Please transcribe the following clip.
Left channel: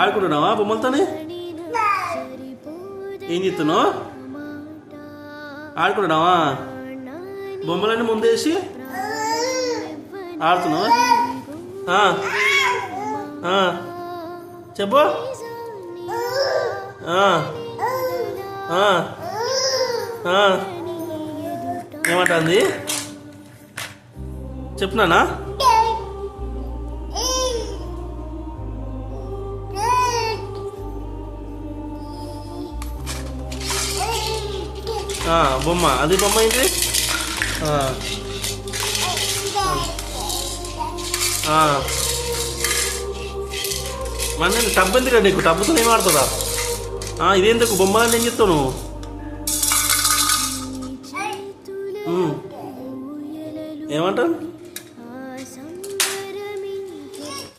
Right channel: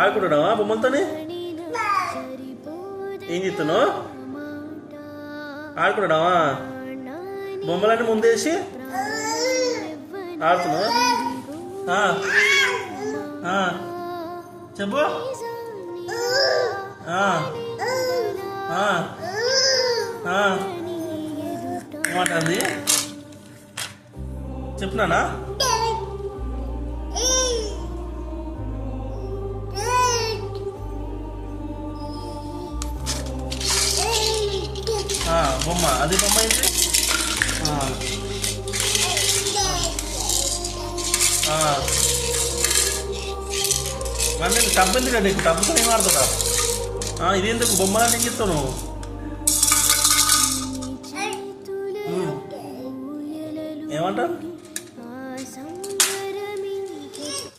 ఆడుకుంటున్నావా బొమ్మలతోనే? ఏం చెప్తున్నావు? ఆడుకుంటున్నావా? బొమ్మలన్నీ ముందేసి ఆడుతున్నావా? చెప్పు. ఏమంటుంది చెప్తున్నానా? బొమ్మ అది బొమ్మ ఏంటి? మన టబ్బు ఎందుకండి నీకు? టబ్బుతో ఏం ఆడుతుందా? ఇదేందుకు బొమ్మలని ఏం చెప్తావు నువ్వు? ఏమంటావు?